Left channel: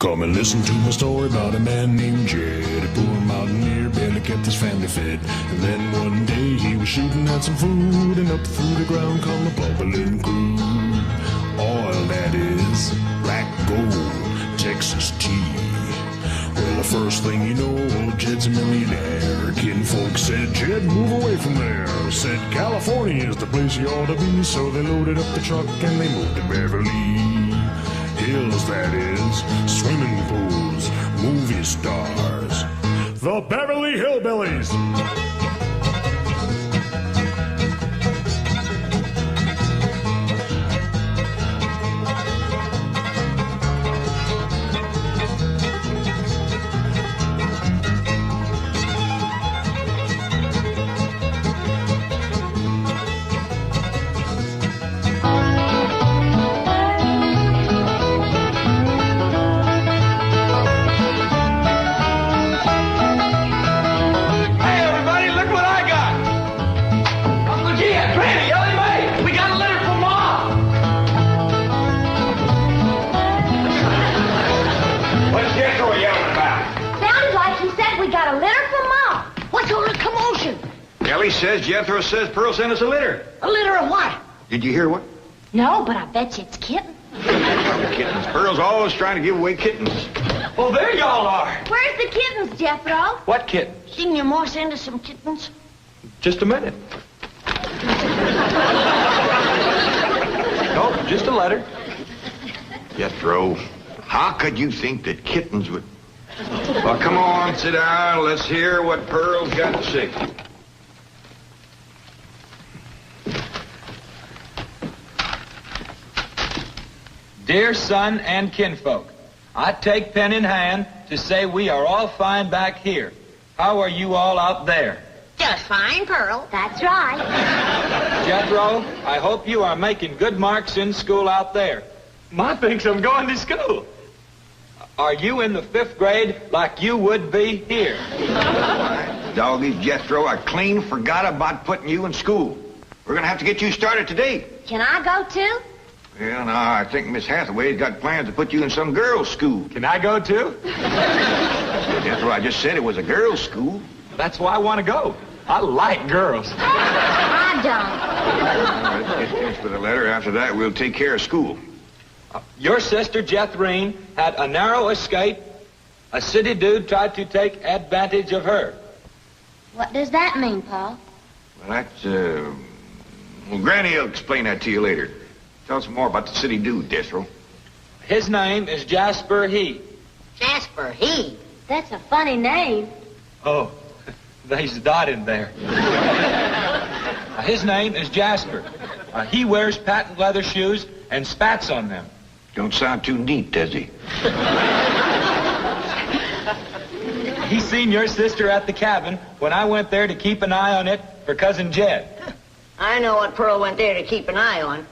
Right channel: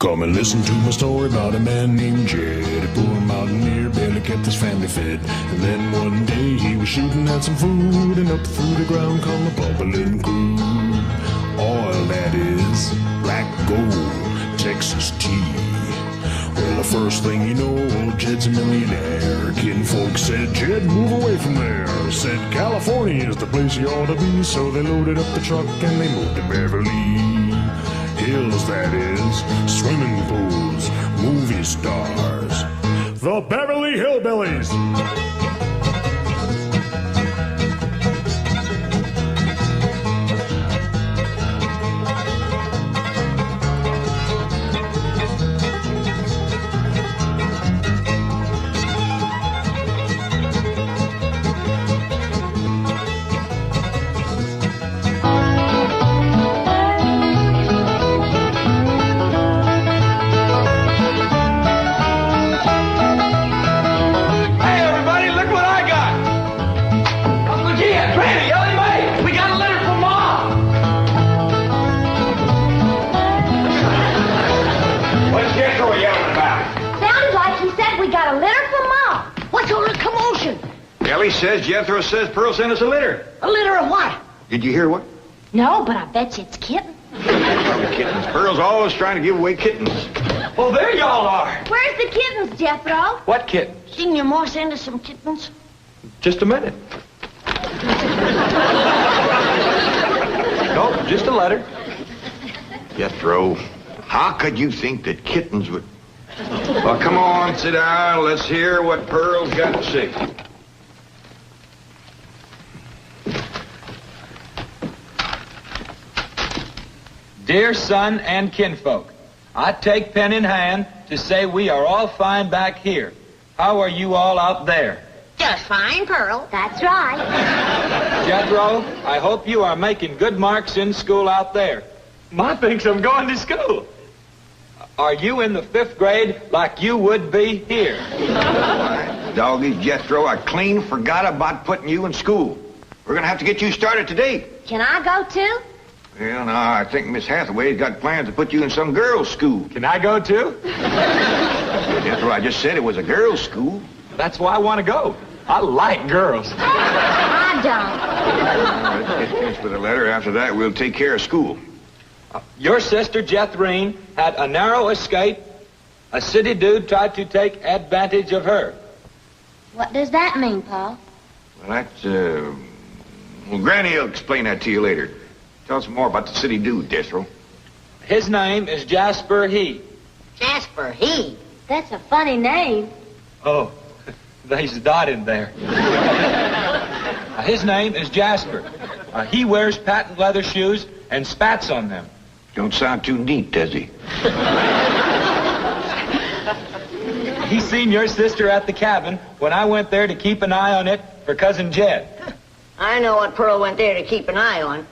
Come and listen to my story about a man named Jed. A poor mountaineer barely kept his family fed. And then one day he was shooting at some food, and up through the ground come a bubbling crude. Oil, that is, black gold, Texas tea. Well, the first thing you know, old Jed's a millionaire. Kinfolk said, Jed, move away from there. Said, California is the place you ought to be. So they loaded up the truck and they moved to Beverly Hills, that is, swimming pools, movie stars, the Beverly Hillbillies. Says Jethro says Pearl sent us a litter. A litter of what? Did you hear what? No, but I bet you it's kittens. Kittens. Pearl's always trying to give away kittens. Well, there y'all are. Where's the kittens, Jethro? What kittens? Didn't your ma send us some kittens? Just a minute. No, just a letter. Jethro, how could you think that kittens would... Well, come on, sit down. Let's hear what Pearl's got to say. Dear son and kinfolk, I take pen in hand to say we are all fine back here. How are you all out there? Just fine, Pearl. That's right. Jethro, I hope you are making good marks in school out there. Ma thinks I'm going to school. Are you in the 5th grade like you would be here? Doggy, Jethro, I clean forgot about putting you in school. We're going to have to get you started today. Can I go too? Well, no, I think Miss Hathaway's got plans to put you in some girls' school. Can I go too? Jethro, I just said it was a girls' school. That's why I want to go. I like girls. I don't. Let's get finished with the letter. After that, we'll take care of school. Your sister, Jethrine, had a narrow escape. A city dude tried to take advantage of her. What does that mean, Paul? Well, that's, well, Granny will explain that to you later. Tell us more about the city dude, Jethro. His name is Jasper He. Jasper He? That's a funny name. Oh, there's a dot in there. His name is Jasper. He wears patent leather shoes and spats on them. Don't sound too neat, does he? He seen your sister at the cabin when I went there to keep an eye on it for Cousin Jed. I know what Pearl went there to keep an eye on.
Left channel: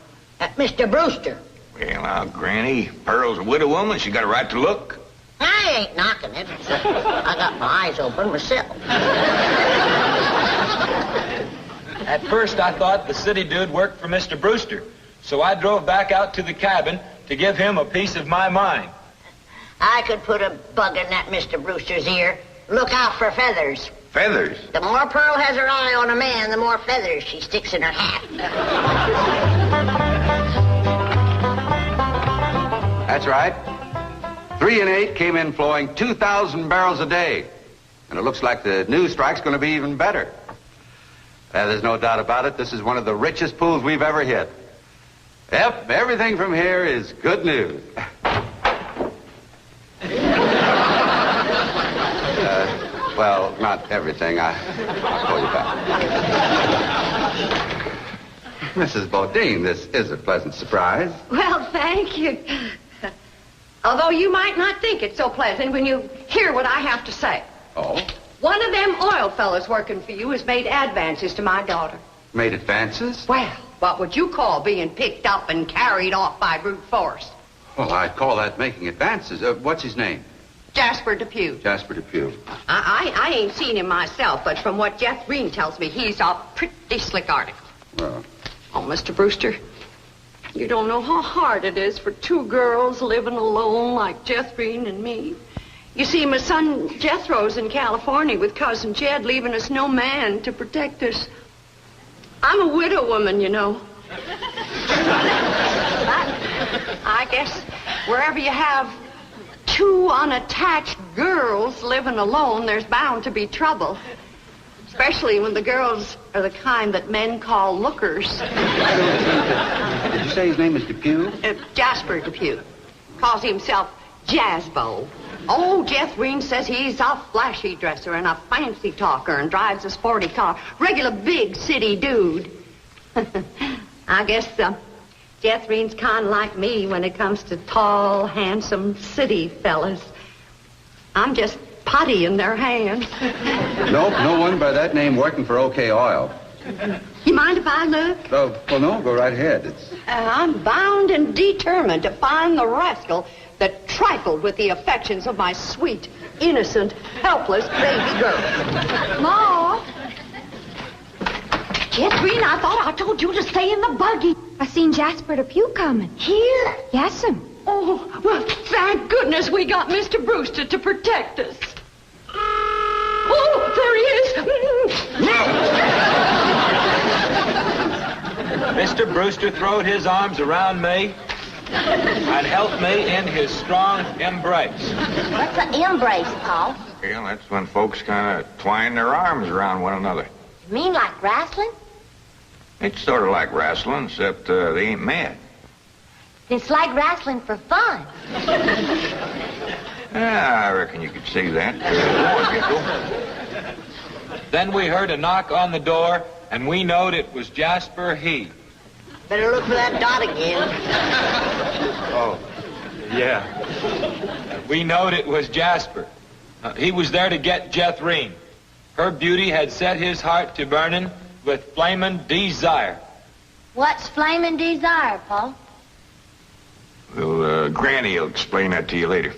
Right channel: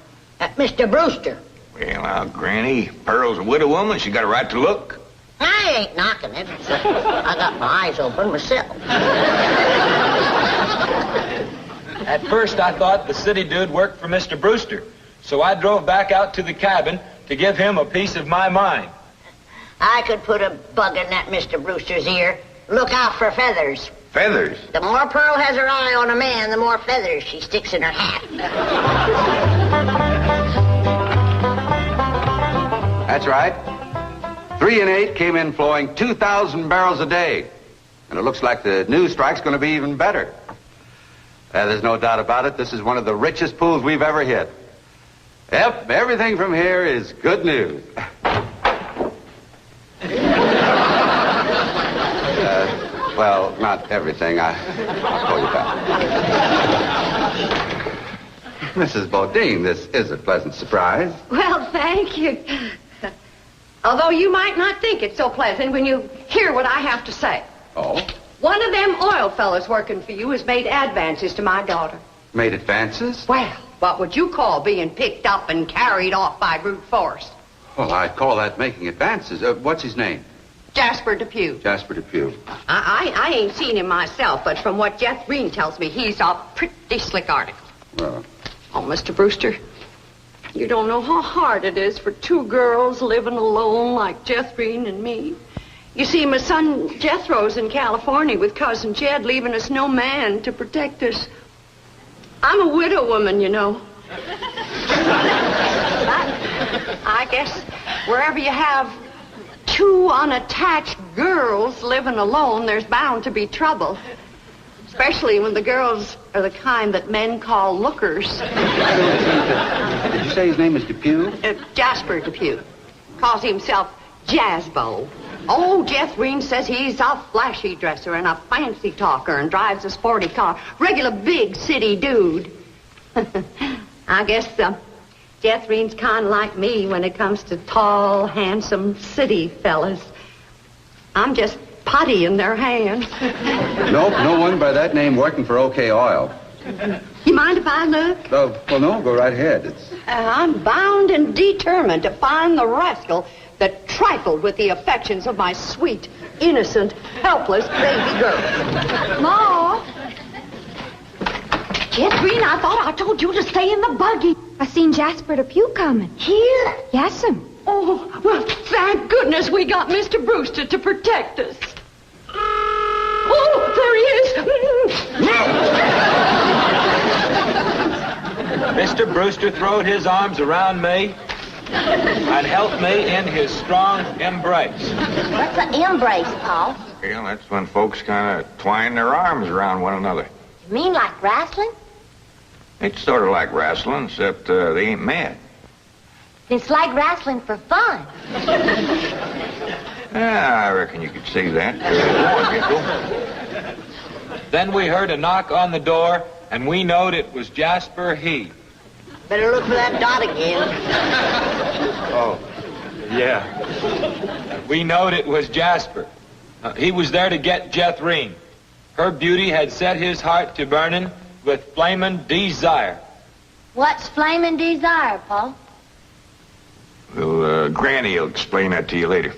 Mr. Brewster. Well, now, Granny, Pearl's a widow woman. She got a right to look. I ain't knocking it. I got my eyes open myself. At first, I thought the city dude worked for Mr. Brewster, so I drove back out to the cabin to give him a piece of my mind. I could put a bug in that Mr. Brewster's ear. Look out for feathers. Feathers? The more Pearl has her eye on a man, the more feathers she sticks in her hat. That's right. 3 and 8 came in flowing 2,000 barrels a day. And it looks like the new strike's going to be even better. There's no doubt about it. This is one of the richest pools we've ever hit. Yep, everything from here is good news. Well, not everything. I'll call you back. Mrs. Bodine, this is a pleasant surprise. Well, thank you. Although you might not think it's so pleasant when you hear what I have to say. Oh? One of them oil fellas working for you has made advances to my daughter. Made advances? Well, what would you call being picked up and carried off by brute force? Well, I'd call that making advances. What's his name? Jasper Depew. Jasper Depew. I ain't seen him myself, but from what Jethro tells me, he's a pretty slick article. Well. Oh, Mr. Brewster, You don't know how hard it is for two girls living alone like Jethro and me. You see, my son Jethro's in California with Cousin Jed, leaving us no man to protect us. I'm a widow woman, you know. I guess wherever you have two unattached girls living alone, there's bound to be trouble. Especially when the girls are the kind that men call lookers. Did you say his name is Depew? Jasper Depew. Calls himself Jazzbo. Oh, Jethro says he's a flashy dresser and a fancy talker and drives a sporty car. Regular big city dude. I guess Jethro's kind of like me when it comes to tall, handsome city fellas. I'm just putty in their hands. Nope, no one by that name working for OK Oil. You mind if I look? Well, no, go right ahead. I'm bound and determined to find the rascal that trifled with the affections of my sweet, innocent, helpless baby girl. Ma! Jethro, I thought I told you to stay in the buggy. I seen Jasper Depew coming. Here? Yes'm. Oh, well, thank goodness we got Mr. Brewster to protect us. Oh, there he is. Mr. Brewster throwed his arms around me and held me in his strong embrace. What's an embrace, Paul? Well, that's when folks kind of twine their arms around one another. You mean like wrestling? It's sort of like wrestling, except they ain't mad. It's like wrestling for fun. I reckon you could see that. Then we heard a knock on the door, and we knowed it was Jasper He. Better look for that dot again. Oh, yeah. We knowed it was Jasper. He was there to get Jethrine. Her beauty had set his heart to burning with flaming desire. What's flaming desire, Paul? Well, Granny will explain that to you later.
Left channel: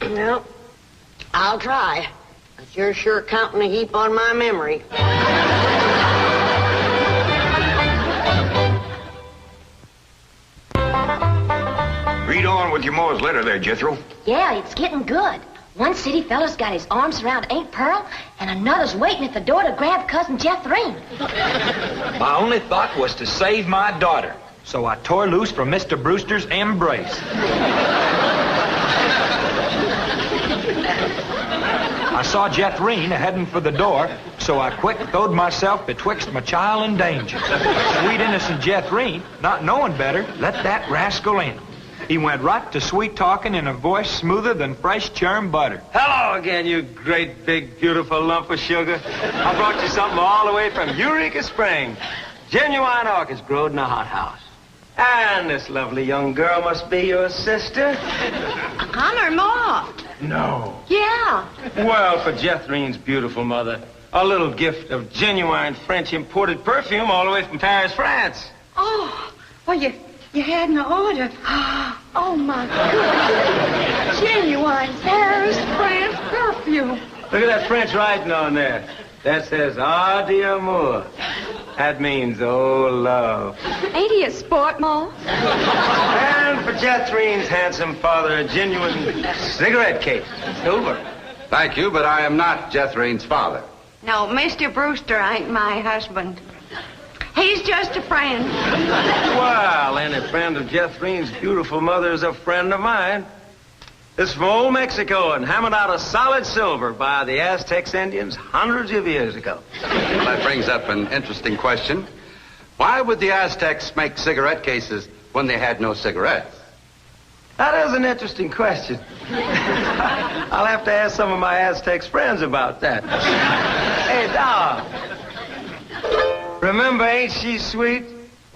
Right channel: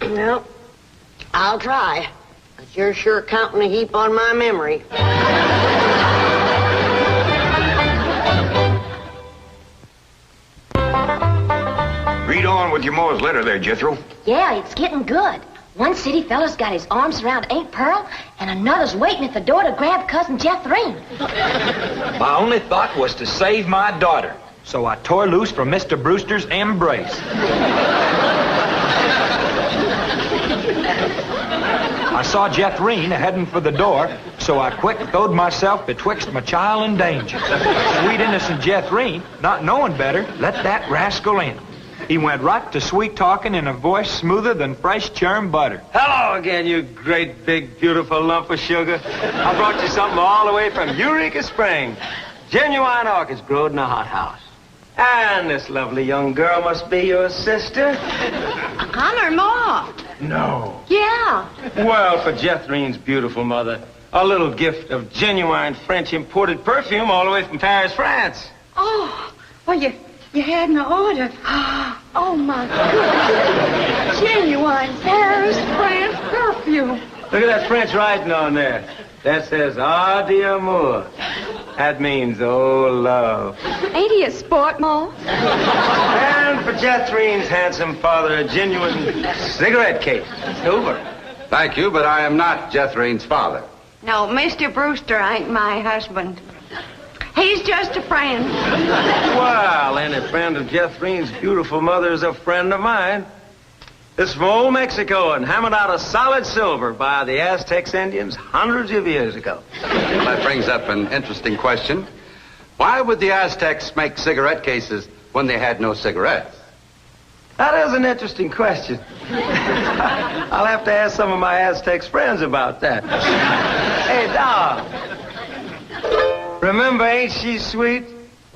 Well, I'll try. But you're sure counting a heap on my memory. Read on with your Mo's letter there, Jethro. Yeah, it's getting good. One city fella's got his arms around Aunt Pearl, and another's waiting at the door to grab Cousin Jethrine. My only thought was to save my daughter, so I tore loose from Mr. Brewster's embrace. I saw Jethrine heading for the door, so I quick throwed myself betwixt my child and danger. Sweet innocent Jethrine, not knowing better, let that rascal in. He went right to sweet-talking in a voice smoother than fresh churned butter. Hello again, you great, big, beautiful lump of sugar. I brought you something all the way from Eureka Springs. Genuine orchids growed in a hothouse. And this lovely young girl must be your sister. I'm her ma. No. Yeah. Well, for Jethrine's beautiful mother, a little gift of genuine French imported perfume all the way from Paris, France. Oh, well, you had an order. Oh, my goodness. Genuine Paris, France perfume. Look at that French writing on there. That says, "Ah, d'amour." That means, oh, love. Ain't he a sport, Ma? And for Jethrine's handsome father, a genuine cigarette case. Silver. Thank you, but I am not Jethrine's father. No, Mr. Brewster ain't my husband. He's just a friend. Well, any friend of Jethrine's beautiful mother is a friend of mine. This is from old Mexico and hammered out of solid silver by the Aztecs Indians hundreds of years ago. Well, that brings up an interesting question. Why would the Aztecs make cigarette cases when they had no cigarettes? That is an interesting question. I'll have to ask some of my Aztecs friends about that. Hey, Doc. Remember Ain't She Sweet?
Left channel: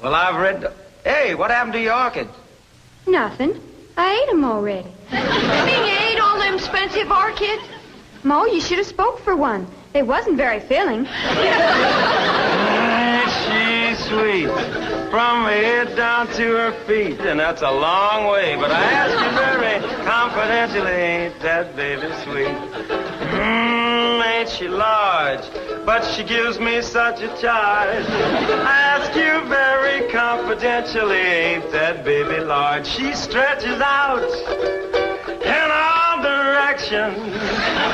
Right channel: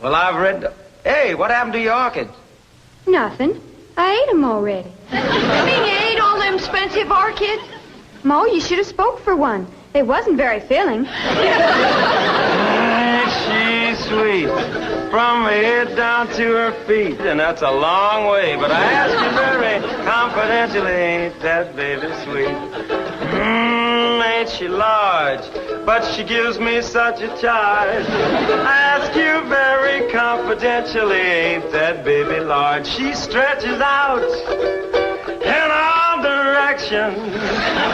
Well, I've read... Hey, what happened to your orchids? Nothing. I ate 'em already. You mean you ate all them expensive orchids? Ma, you should have spoke for one. They wasn't very filling. Ain't she sweet? From her head down to her feet. And that's a long way, but I ask you very confidentially, ain't that baby sweet? Ain't she large? But she gives me such a charge. I ask you very confidentially, ain't that baby large? She stretches out in all directions.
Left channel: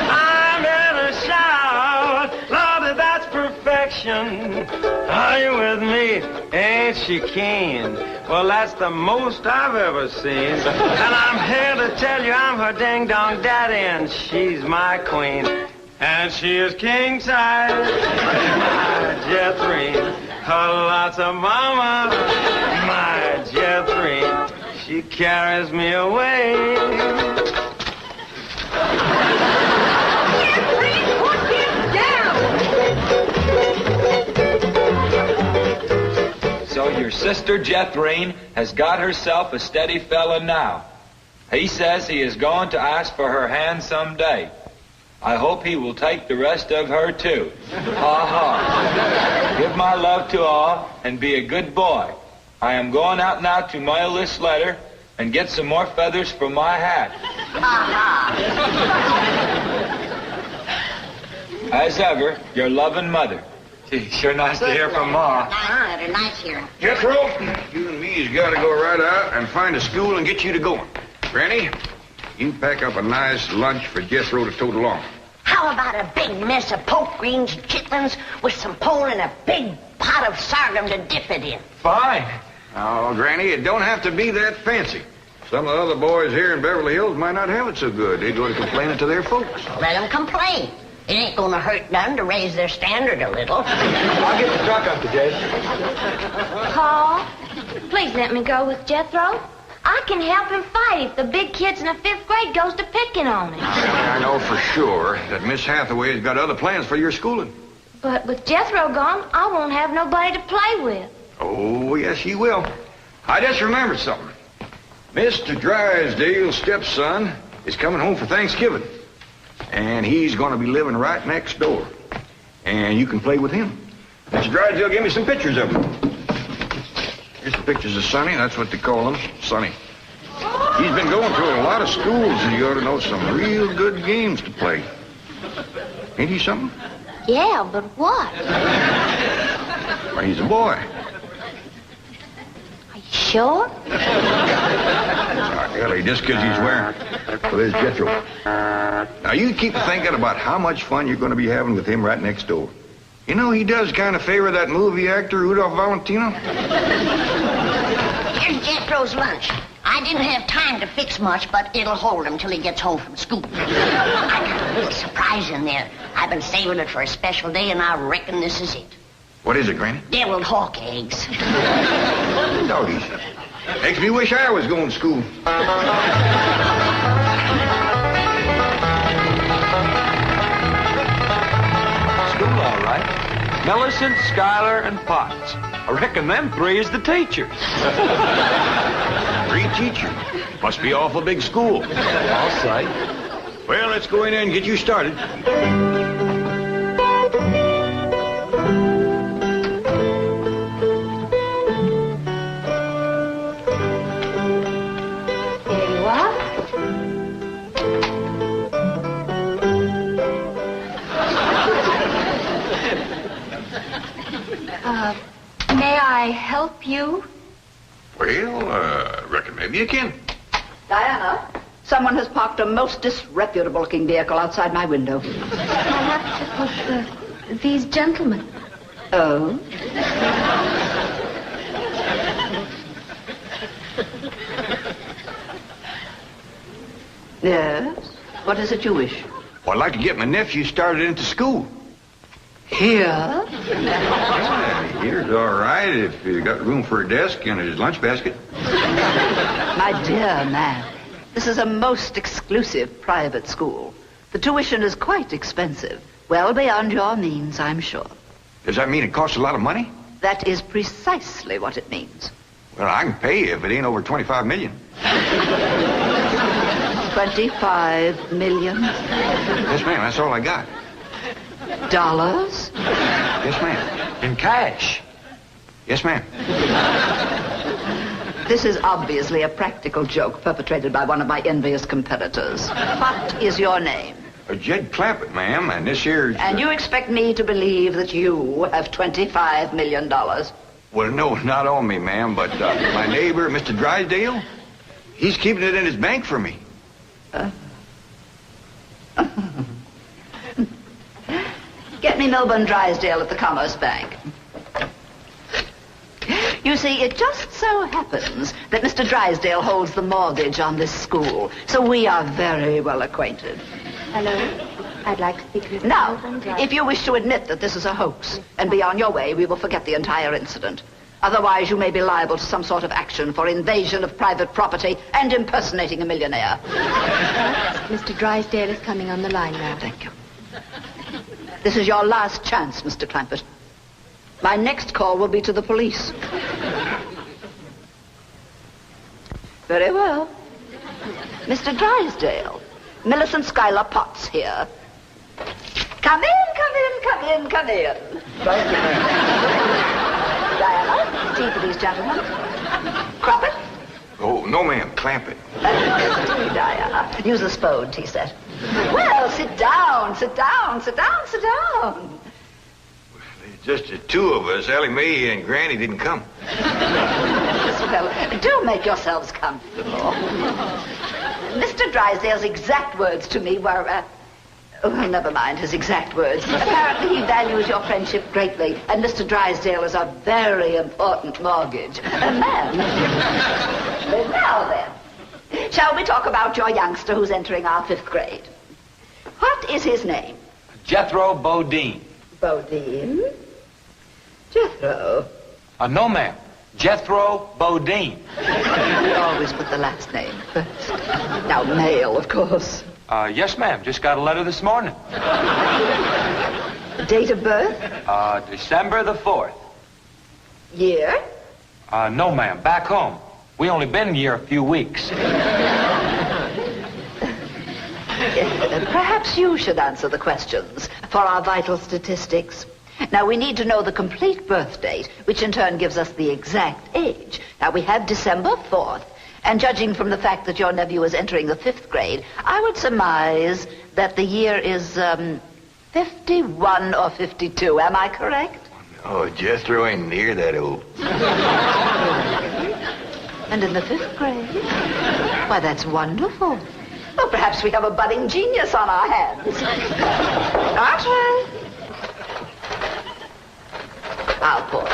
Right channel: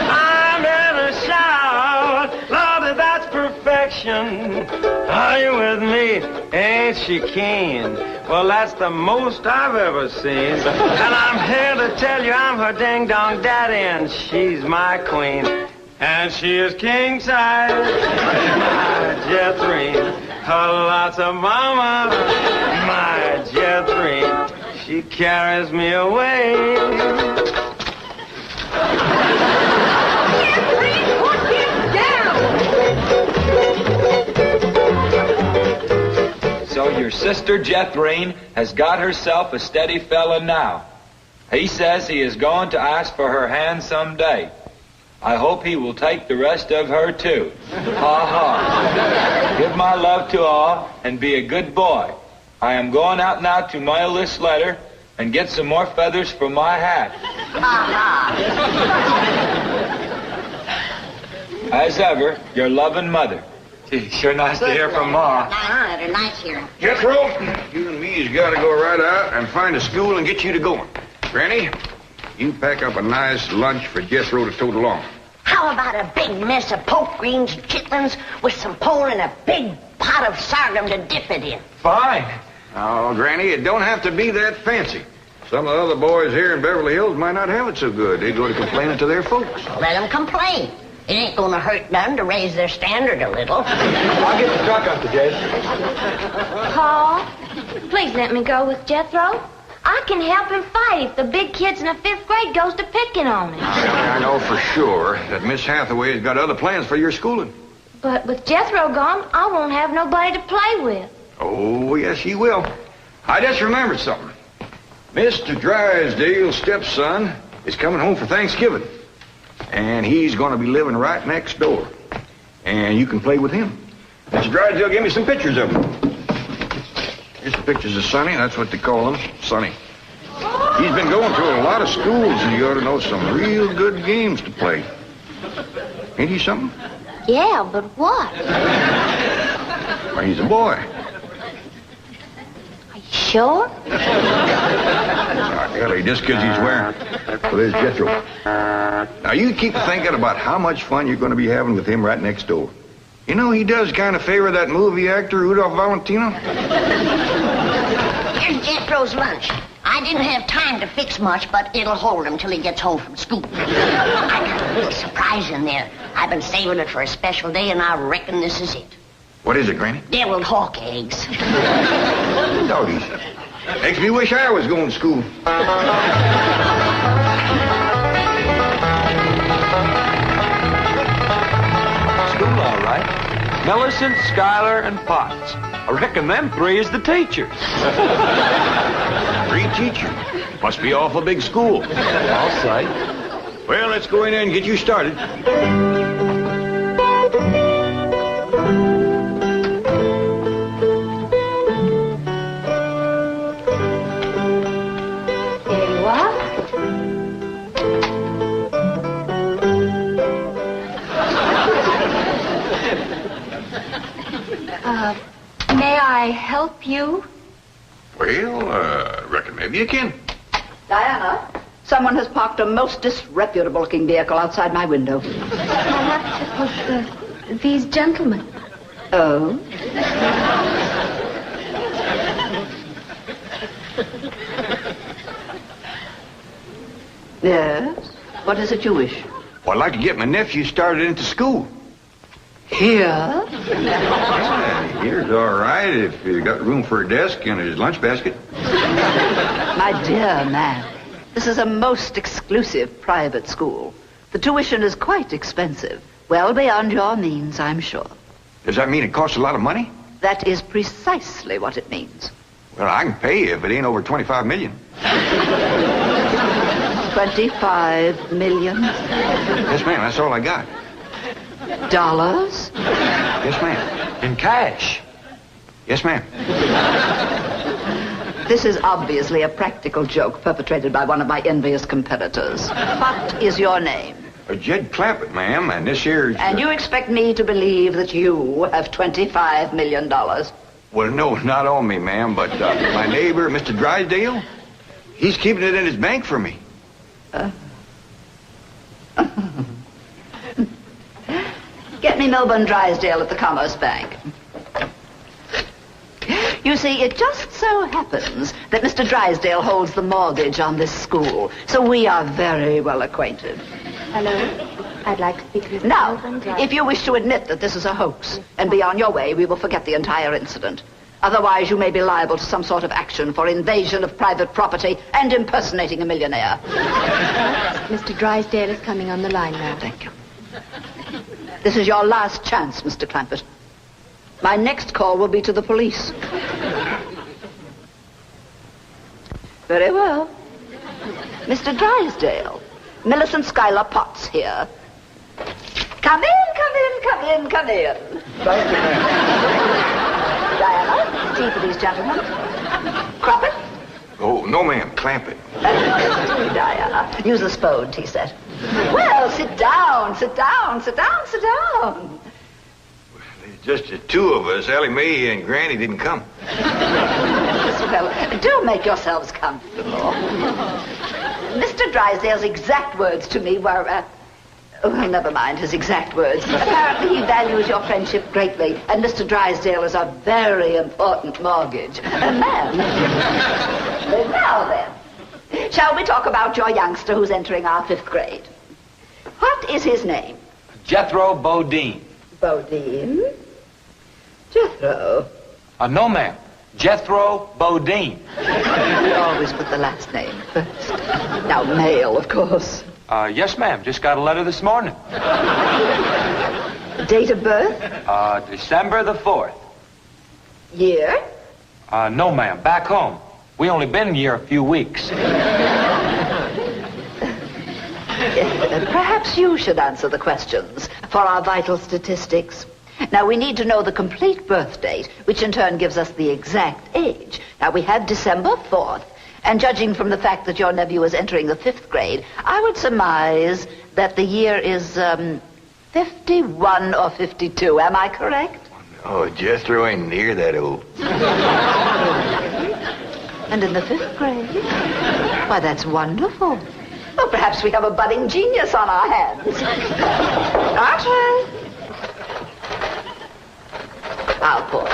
I'm in a shout. Lordy, that's perfection. Are you with me? Ain't she keen? Well, that's the most I've ever seen. And I'm here to tell you I'm her ding-dong daddy, and she's my queen. And she is king-size, my Jethrine. Lots of mama, my Jethrine. She carries me away. So your sister Jethrine has got herself a steady fella now. He says he is going to ask for her hand someday. I hope he will take the rest of her, too. Ha ha. Give my love to all and be a good boy. I am going out now to mail this letter and get some more feathers for my hat. As ever, your loving mother. Gee, sure nice to hear from Ma. They're nice here. Jethro, you and me's got to go right out and find a school and get you to going. Granny, you pack up a nice lunch for Jethro to tote along. How about a big mess of poke greens and chitlins with some pole and a big pot of sorghum to dip it in? Fine. Oh, Granny, it don't have to be that fancy. Some of the other boys here in Beverly Hills might not have it so good. They go to complaining to their folks. Let them complain. It ain't gonna hurt none to raise their standard a little. I'll get the truck up to Jay. Paul, please let me go with Jethro. I can help him fight if the big kids in the 5th grade goes to picking on him. I know for sure that Miss Hathaway's got other plans for your schooling. But with Jethro gone, I won't have nobody to play with. Oh, yes, you will. I just remembered something. Mr. Drysdale's stepson is coming home for Thanksgiving. And he's going to be living right next door. And you can play with him. Mr. Drysdale gave me some pictures of him. Here's some pictures of Sonny. That's what they call him, Sonny. He's been going through a lot of schools, and you ought to know some real good games to play. Ain't he something? Yeah, but what? Well, he's a boy. Are you sure? Golly, just because he's wearing... Well, there's Jethro. Now, you keep thinking about how much fun you're going to be having with him right next door. You know, he does kind of favor that movie actor, Rudolph Valentino. Here's Jethro's lunch. I didn't have time to fix much, but it'll hold him till he gets home from school. I got a little surprise in there. I've been saving it for a special day, and I reckon this is it. What is it, Granny? Deviled hawk eggs. Doggies. Makes me wish I was going to school. School, all right. Millicent, Schuyler, and Potts. I reckon them 3 is the teachers. 3 teachers. Must be awful big school. I'll say. Well, let's go in there and get you started. May I help you? Well, reckon maybe you can. Diana, someone has parked a most disreputable-looking vehicle outside my window. Perhaps it was these gentlemen. Oh? Yes? What is it you wish? Well, I'd like to get my nephew started into school. Here? Yeah, here's all right if you got room for a desk and his lunch basket. My dear man, this is a most exclusive private school. The tuition is quite expensive. Well beyond your means, I'm sure. Does that mean it costs a lot of money? That is precisely what it means. Well, I can pay you if it ain't over $25 million. 25 million? Yes, ma'am, that's all I got. Dollars? Yes, ma'am. In cash. Yes, ma'am. This is obviously a practical joke perpetrated by one of my envious competitors. What is your name? Jed Clampett, ma'am, and this here's... And you expect me to believe that you have $25 million? Well, no, not on me, ma'am, but my neighbor, Mr. Drysdale, he's keeping it in his bank for me. Get me Milburn Drysdale at the Commerce Bank. You see, it just so happens that Mr. Drysdale holds the mortgage on this school, so we are very well acquainted. Hello. I'd like to speak with Now, Milburn Drysdale. if you wish to admit that this is a hoax and be on your way, we will forget the entire incident. Otherwise, you may be liable to some sort of action for invasion of private property and impersonating a millionaire. Mr. Drysdale is coming on the line now. Thank you. This is your last chance, Mr. Clampett. My next call will be to the police. Very well. Mr. Drysdale, Millicent Schuyler Potts here. Come in, come in, come in, come in. Thank you, ma'am. Diana, tea for these gentlemen. Croppett? Oh, no, ma'am, Clampett. Diana, use the Spode tea set. Well, sit down, sit down, sit down, sit down. Just the two of us. Ellie Mae and Granny didn't come. Well, do make yourselves comfortable. Mr. Drysdale's exact words to me were, oh, never mind his exact words. Apparently he values your friendship greatly, and Mr. Drysdale is a very important mortgage. Man. Now then, shall we talk about your youngster who's entering our 5th grade? What is his name? Jethro Bodine. Bodine? Jethro. No, ma'am. Jethro Bodine. We always put the last name first. Now, male, of course. Yes, ma'am. Just got a letter this morning. Date of birth? December the 4th. Year? No, ma'am. Back home. We only been here a few weeks. Perhaps you should answer the questions for our vital statistics. Now, we need to know the complete birth date, which in turn gives us the exact age. Now, we have December 4th, and judging from the fact that your nephew is entering the 5th grade, I would surmise that the year is 51 or 52. Am I correct? Oh, Jethro ain't near that old. And in the 5th grade? Why, that's wonderful. Well, perhaps we have a budding genius on our hands. Archie! How poor.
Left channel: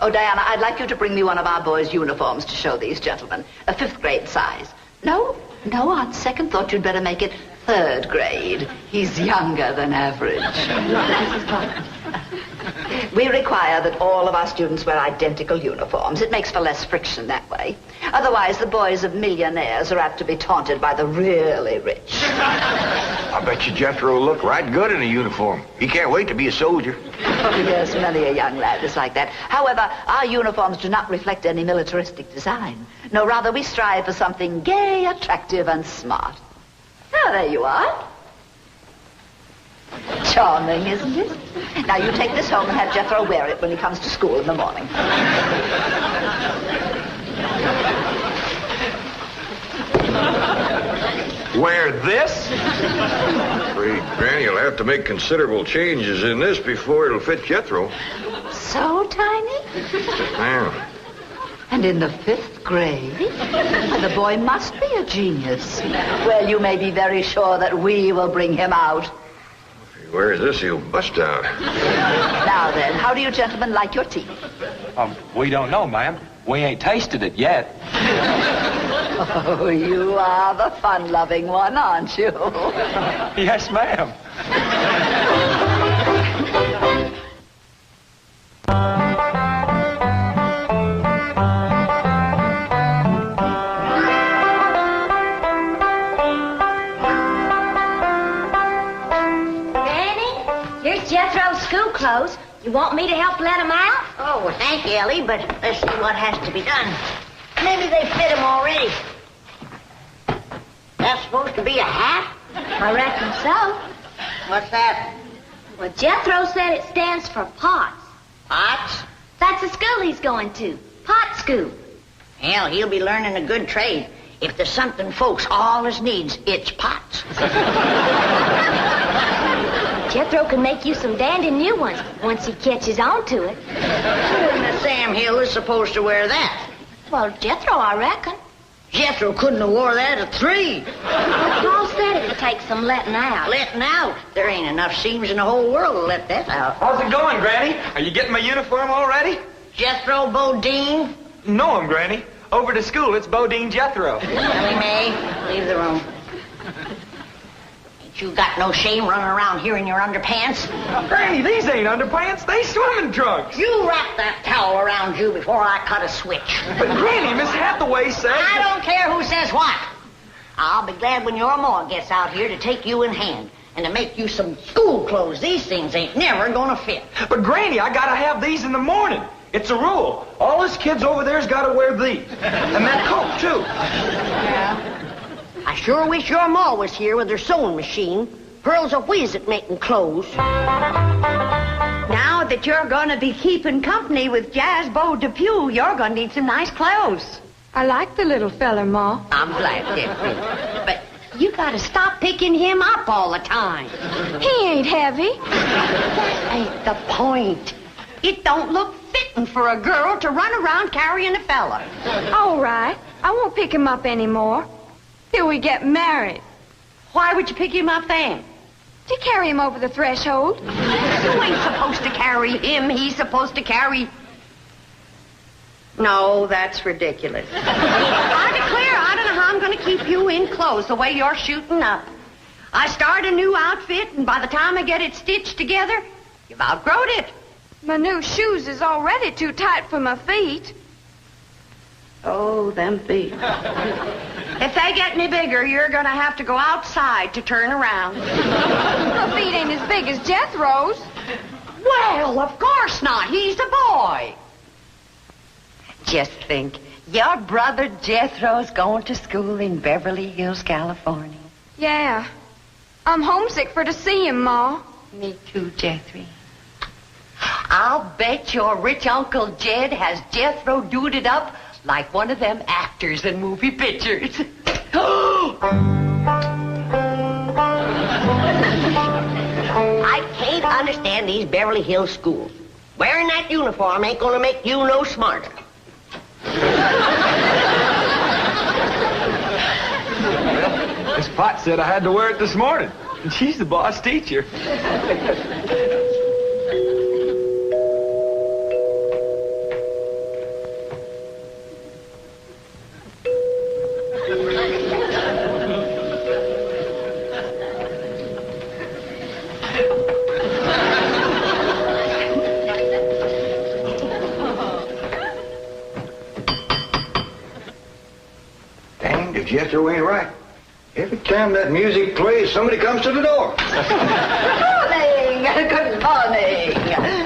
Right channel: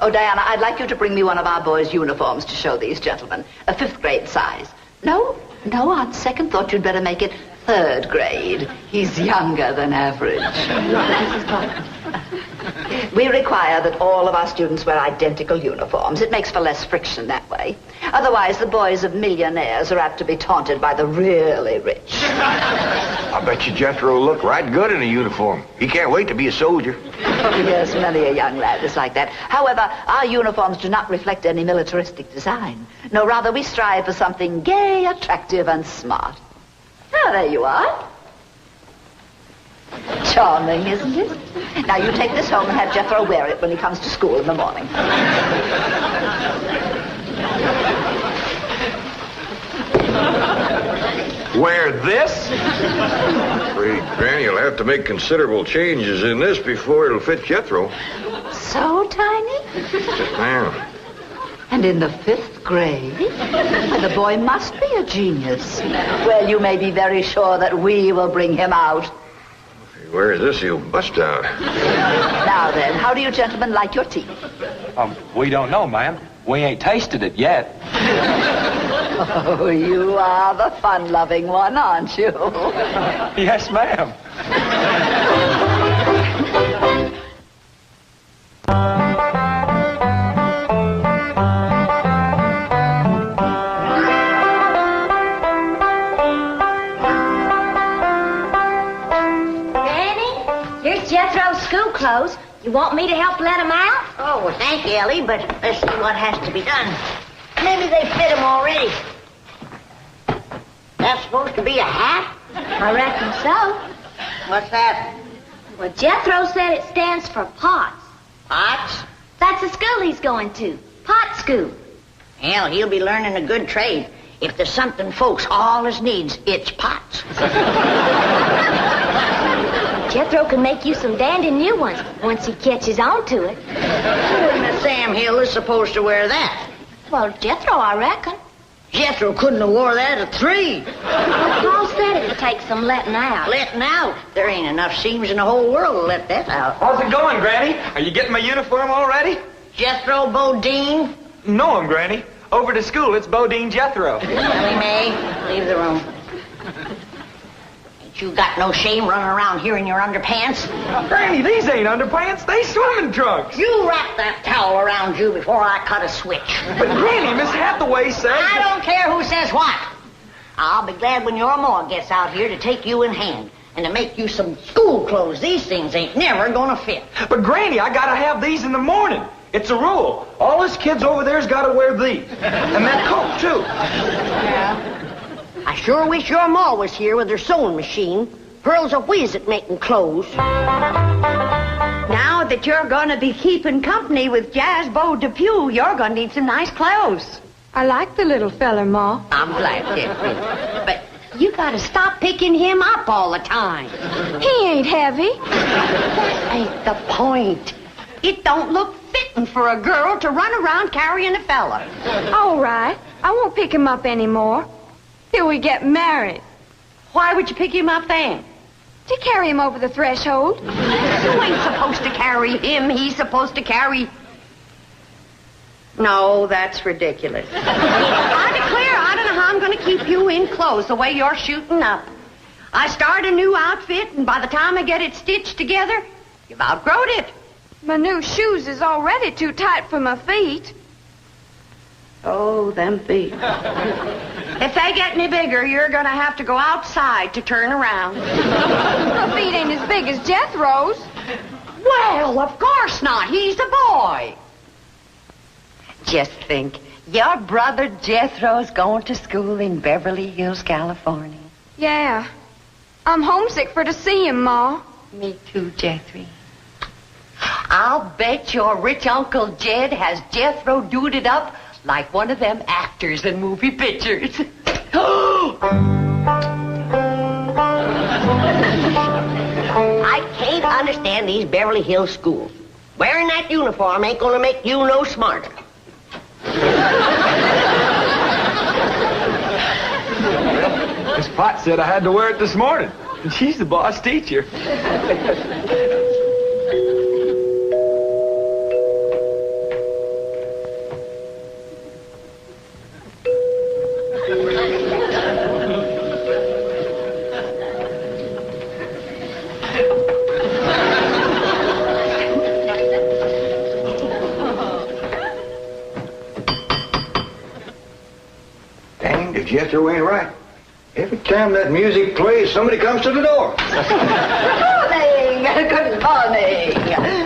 Oh, Diana, I'd like you to bring me one of our boys' uniforms to show these gentlemen. A 5th grade size. No, on second thought, you'd better make it 3rd grade. He's younger than average. We require that all of our students wear identical uniforms. It makes for less friction that way. Otherwise, the boys of millionaires are apt to be taunted by the really rich. I bet you Jethro will look right good in a uniform. He can't wait to be a soldier. Oh, yes, many a young lad is like that. However, our uniforms do not reflect any militaristic design. No, rather, we strive for something gay, attractive, and smart. Oh, there you are. Charming, isn't it? Now, you take this home and have Jethro wear it when he comes to school in the morning. Wear this? Afraid Granny will have to make considerable changes in this before it'll fit Jethro. So tiny? Yes, ma'am. And in the 5th grade? Well, the boy must be a genius. Well, you may be very sure that we will bring him out. If he wears this, he'll bust out. Now then, how do you gentlemen like your tea? We don't know, ma'am. We ain't tasted it yet. Oh, you are the fun-loving one, aren't you? Yes, ma'am. Jethro's school clothes. You want me to help let him out? Oh, well, thank you, Ellie, but let's see what has to be done. Maybe they fit him already. That's supposed to be a hat? I reckon so. What's that? Well, Jethro said it stands for POTS. Pots? That's the school he's going to. Pot scoop. Hell, he'll be learning a good trade. If there's something folks always needs, it's pots. Jethro can make you some dandy new ones once he catches on to it. Who in the Sam Hill is supposed to wear that? Well, Jethro, I reckon. Jethro couldn't have wore that at 3. Well, Paul said it would take some letting out. Letting out? There ain't enough seams in the whole world to let that out. How's it going, Granny? Are you getting my uniform already? Jethro Bodine? No, Granny. Over to school, it's Bodine Jethro. Ellie Mae, leave the room. Ain't you got no shame running around here in your underpants? Granny, these ain't underpants. They swimming trunks. You wrap that towel around you before I cut a switch. But, Granny, Miss Hathaway said... I don't care who says what. I'll be glad when your ma gets out here to take you in hand and to make you some school clothes. These things ain't never gonna fit. But, Granny, I gotta have these in the morning. It's a rule. All us kids over there's gotta wear these. And that coat, too. Yeah. I sure wish your ma was here with her sewing machine. Pearl's a whiz at making clothes. Now that you're gonna be keeping company with Jazzbo Depew, you're gonna need some nice clothes. I like the little fella, Ma. I'm glad, Beverly. But you gotta stop picking him up all the time. He ain't heavy. That ain't the point. It don't look fitting for a girl to run around carrying a fella. All right. I won't pick him up anymore. Till we get married. Why would you pick him up then? To carry him over the threshold. You ain't supposed to carry him. He's supposed to carry... No, that's ridiculous. I declare, I don't know how I'm going to keep you in clothes the way you're shooting up. I start a new outfit, and by the time I get it stitched together, you've outgrown it. My new shoes is already too tight for my feet. Oh, them feet. If they get any bigger, you're going to have to go outside to turn around. My feet ain't as big as Jethro's. Well, of course not. He's a boy. Just think, your brother Jethro's going to school in Beverly Hills, California. Yeah. I'm homesick for to see him, Ma. Me too, Jethro. I'll bet your rich Uncle Jed has Jethro duded up like one of them actors in movie pictures. I can't understand these Beverly Hills schools. Wearing that uniform ain't gonna make you no smarter. Miss Potts said I had to wear it this morning. And she's the boss teacher. Dang, if Jethro ain't right. Every time that music plays, somebody comes to the door. Good morning.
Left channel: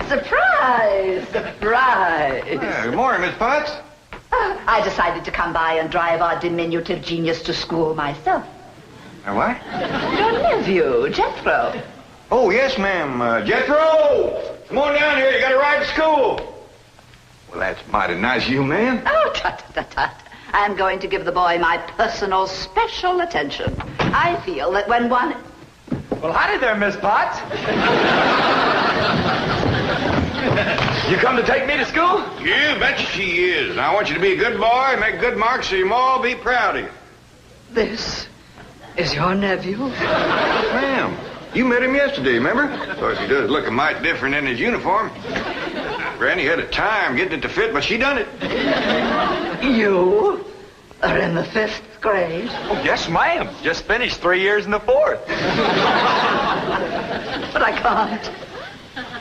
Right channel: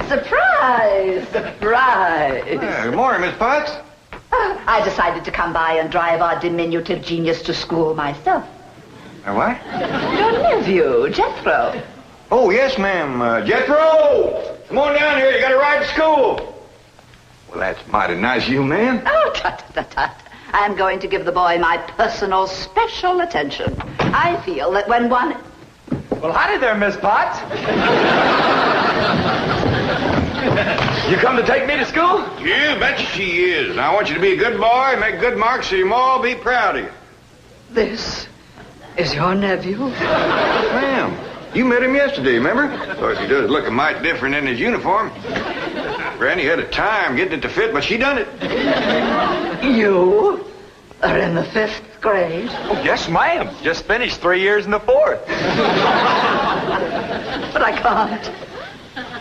Surprise. Good morning, Miss Potts. I decided to come by and drive our diminutive genius to school myself. What? Your nephew, Jethro. Oh, yes, ma'am. Jethro! Come on down here. You got to ride to school. Well, that's mighty nice of you, ma'am. Oh, tut. I'm going to give the boy my personal special attention. I feel that when one... Well, howdy there, Miss Potts. You come to take me to school? You betcha she is. I want you to be a good boy and make good marks so your ma will be proud of you. This is your nephew? Ma'am, you met him yesterday, remember? Of course, he does look a mite different in his uniform. Granny had a time getting it to fit, but she done it. You are in the 5th grade? Oh, yes, ma'am. Just finished 3 years in the 4th. But I can't.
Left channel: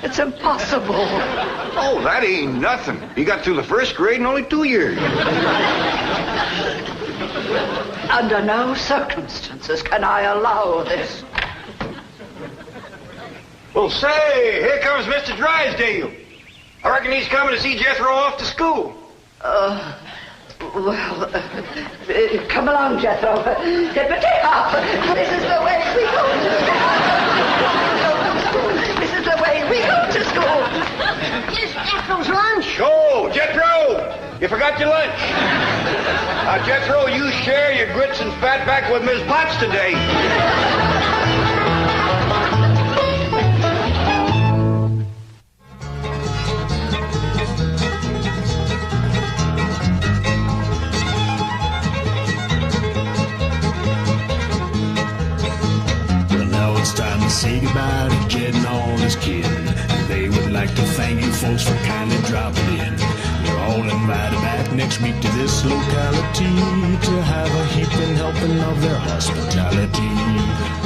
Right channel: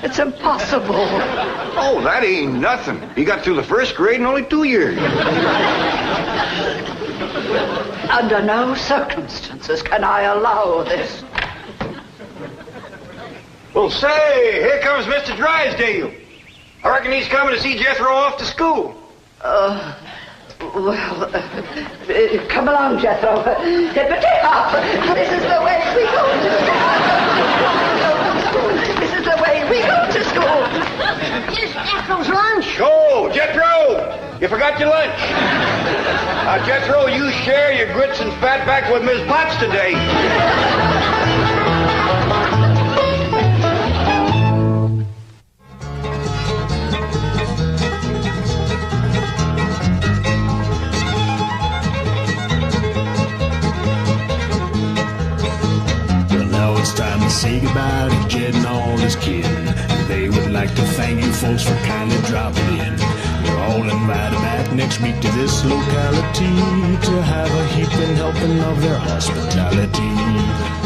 It's impossible. Oh, that ain't nothing. He got through the 1st grade in only 2 years. Under no circumstances can I allow this. Well, say, here comes Mr. Drysdale. I reckon he's coming to see Jethro off to school. Come along, Jethro. Tippity hop. This is the way we go to school. This is the way we go to school. Here's Jethro's lunch. Oh, Jethro! You forgot your lunch. Jethro, you share your grits and fat back with Miss Potts today. Well, now it's time to say goodbye to Jed and all his kin. They would like to thank you folks for kindly dropping in. You're all invited back next week to this locality to have a heaping helping of their hospitality.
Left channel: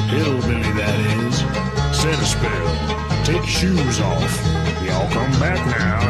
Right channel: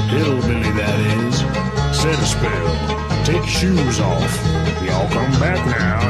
Hillbilly, that is. Set a spell. Take your shoes off. Y'all come back now.